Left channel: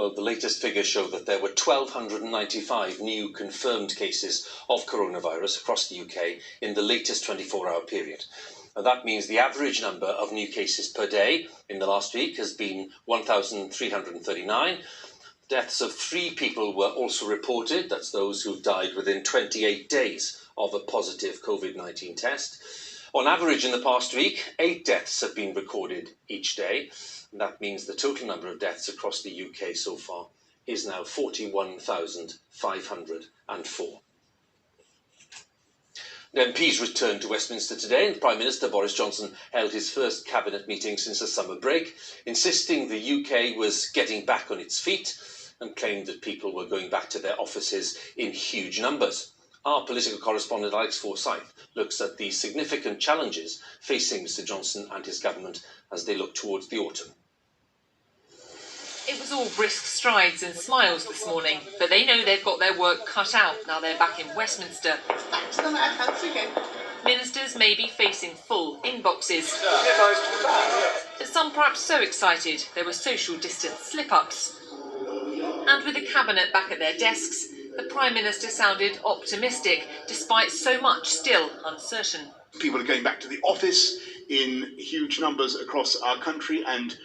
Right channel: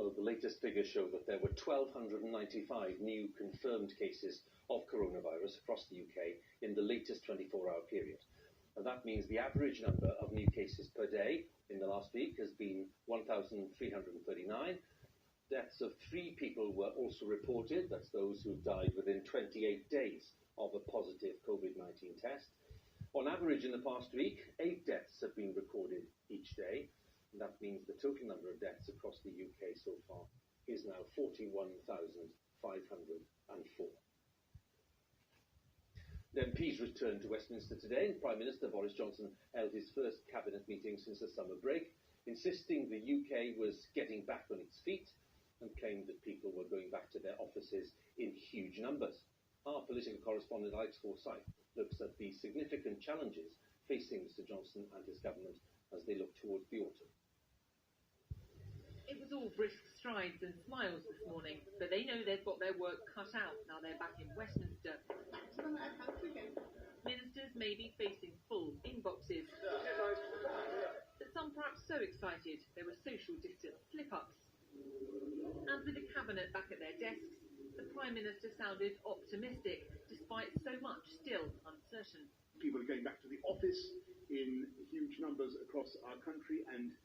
Well, the latest figures show that there were 1,295 new confirmed cases of coronavirus across the UK in the latest 24-hour period. Now, that means the average number of new cases per day in the last week has been 1,339. Deaths of 3 people were also reported. That's those who died within 28 days of a positive COVID-19 test. On average, in the past week, 8 deaths have been recorded each day. And that means the total number of deaths across the UK so far is now 41,504. The MPs returned to Westminster today, and Prime Minister Boris Johnson held his first cabinet meeting since the summer break, insisting the UK was getting back on its feet and claimed that people were going back to their offices in huge numbers. Our political correspondent Alex Forsyth looks at the significant challenges facing Mr Johnson and his government as they look towards the autumn. It was all brisk strides and smiles this morning, but they know they've got their work cut out now they're back in Westminster. Ministers may be facing full inboxes, but some perhaps so excited there were social distance slip-ups. And with the cabinet back at their desks, the Prime Minister sounded optimistic, despite so much still uncertain. People are going back to the office in huge numbers across our country, and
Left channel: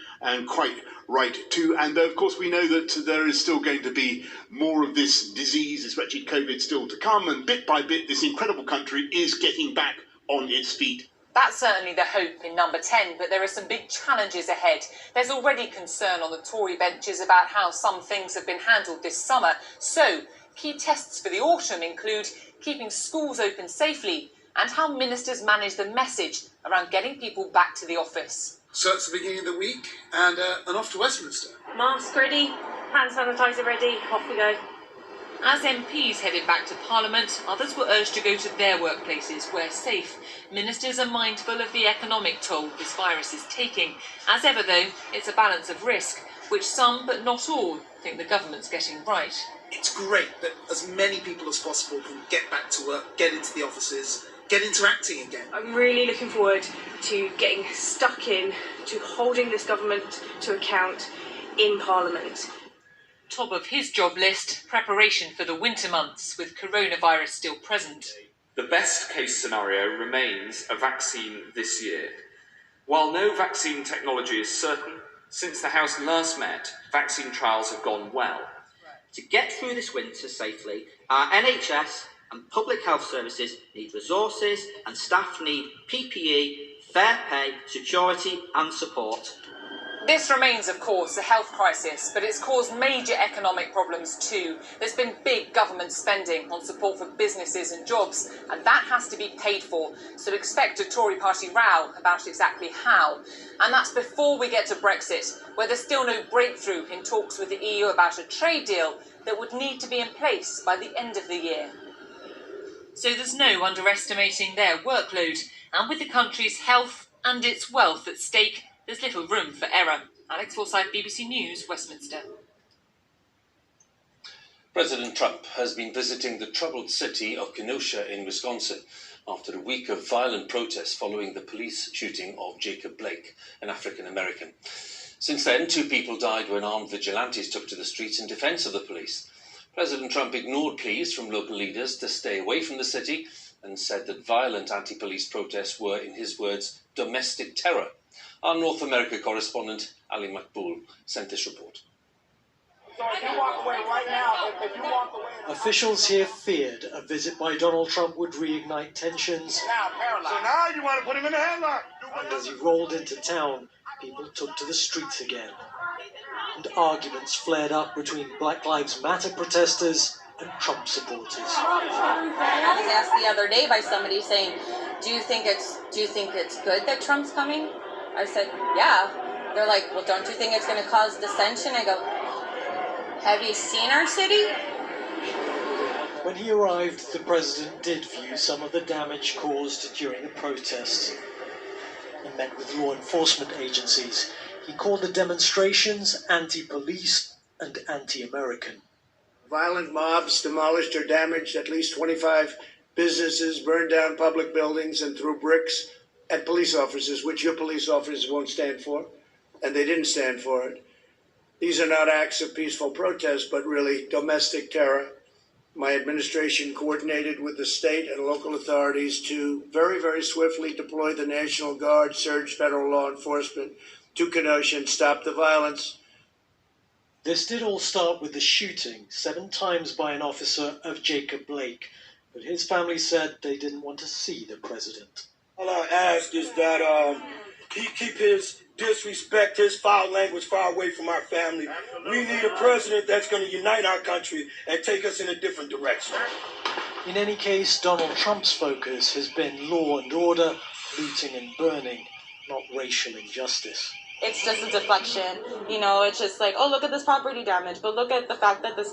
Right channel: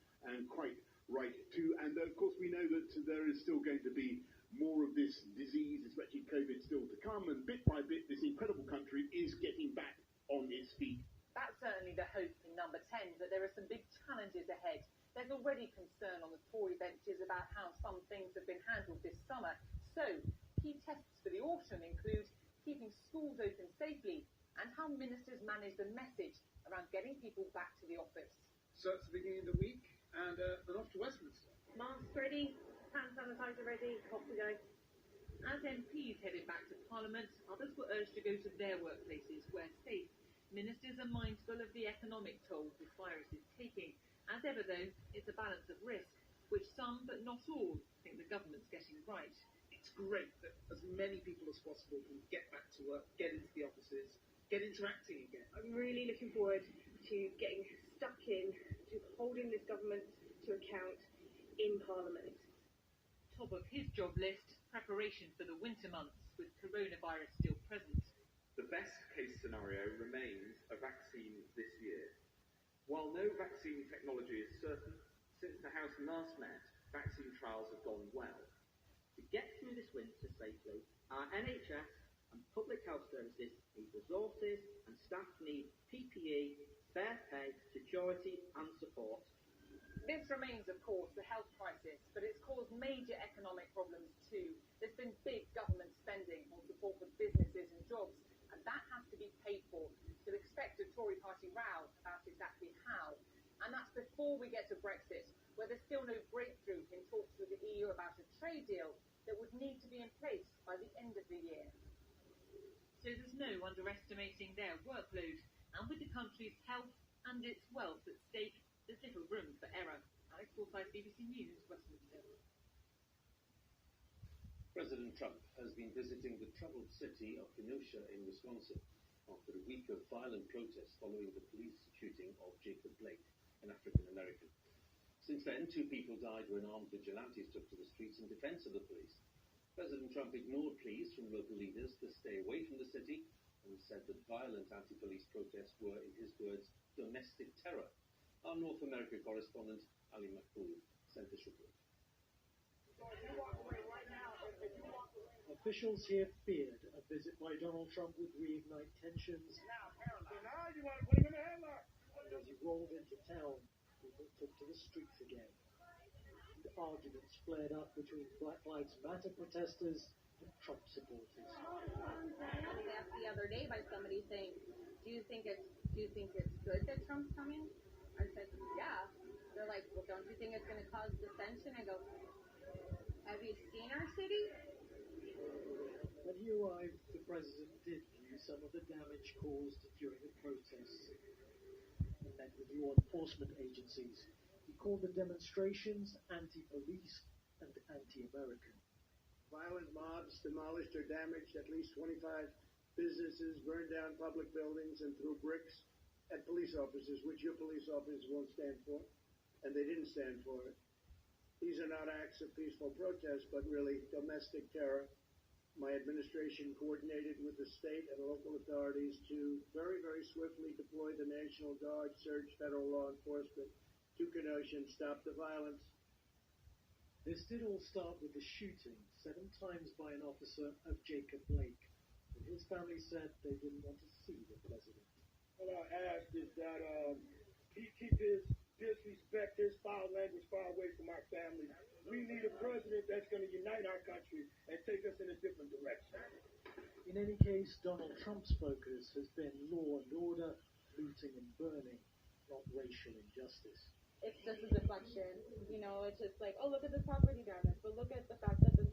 quite right too. And of course we know that there is still going to be more of this disease, this wretched COVID, still to come, and bit by bit this incredible country is getting back on its feet. That's certainly the hope in number 10, but there are some big challenges ahead. There's already concern on the Tory benches about how some things have been handled this summer. So, key tests for the autumn include keeping schools open safely and how ministers manage the message around getting people back to the office. So it's the beginning of the week and off to Westminster. Mask ready, hand sanitizer ready, off we go. As MPs headed back to Parliament, others were urged to go to their workplaces where safe. Ministers are mindful of the economic toll this virus is taking. As ever, though, it's a balance of risk, which some, but not all, think the government's getting right. It's great that as many people as possible can get back to work, get into the offices, get interacting again. I'm really looking forward to getting stuck in, to holding this government to account in Parliament. Top of his job list, preparation for the winter months, with coronavirus still present. The best case scenario remains a vaccine this year. While no vaccine technology is certain, since the House last met, vaccine trials have gone well. To get through this winter safely, our NHS and public health services need resources, and staff need PPE, fair pay, security and support. This remains, of course, a health crisis, but it's caused major economic problems too. There's been big government spending on support for businesses and jobs, and that has to be paid for. So expect a Tory party row about exactly how. And that's before we get to Brexit, where there's still no breakthrough in talks with the EU about a trade deal that would need to be in place by the end of the year. So there's no underestimating their workload, and with the country's health and its wealth at stake, there's little room for error. Alex Forsyth, BBC News, Westminster. President Trump has been visiting the troubled city of Kenosha in Wisconsin after a week of violent protests following the police shooting of Jacob Blake, an African-American. Since then, 2 people died when armed vigilantes took to the streets in defense of the police. President Trump ignored pleas from local leaders to stay away from the city and said that violent anti-police protests were, in his words, domestic terror. Our North America correspondent, Ali Makboul, sent this report. Officials here feared a visit by Donald Trump would reignite tensions. Now you want to put him in a headlock. And as he rolled into town, people took to the streets again. And arguments flared up between Black Lives Matter protesters and Trump supporters. I was asked the other day by somebody saying, do you think it's good that Trump's coming? I said, yeah. They're like, well, don't you think it's going to cause dissension? I go, have you seen our city? When he arrived, the president did view some of the damage caused during the protests. He met with law enforcement agencies. He called the demonstrations anti-police and anti-American. Violent mobs demolished or damaged at least 25 businesses, burned down public buildings and threw bricks at police officers, which your police officers won't stand for, and they didn't stand for it. These are not acts of peaceful protest, but really domestic terror. My administration coordinated with the state and local authorities to very, very swiftly deploy the National Guard, surge federal law enforcement to Kenosha and stop the violence. This did all start with the shooting 7 times by an officer of Jacob Blake, but his family said they didn't want to see the president. All I ask is that he keep his disrespect, his foul language far away from our family. We need a president that's going to unite our country and take us in a different direction. In any case, Donald Trump's focus has been law and order, looting and burning, not racial injustice. It's just a deflection, you know, it's just like, oh, look at this property damage, but look at the fact that this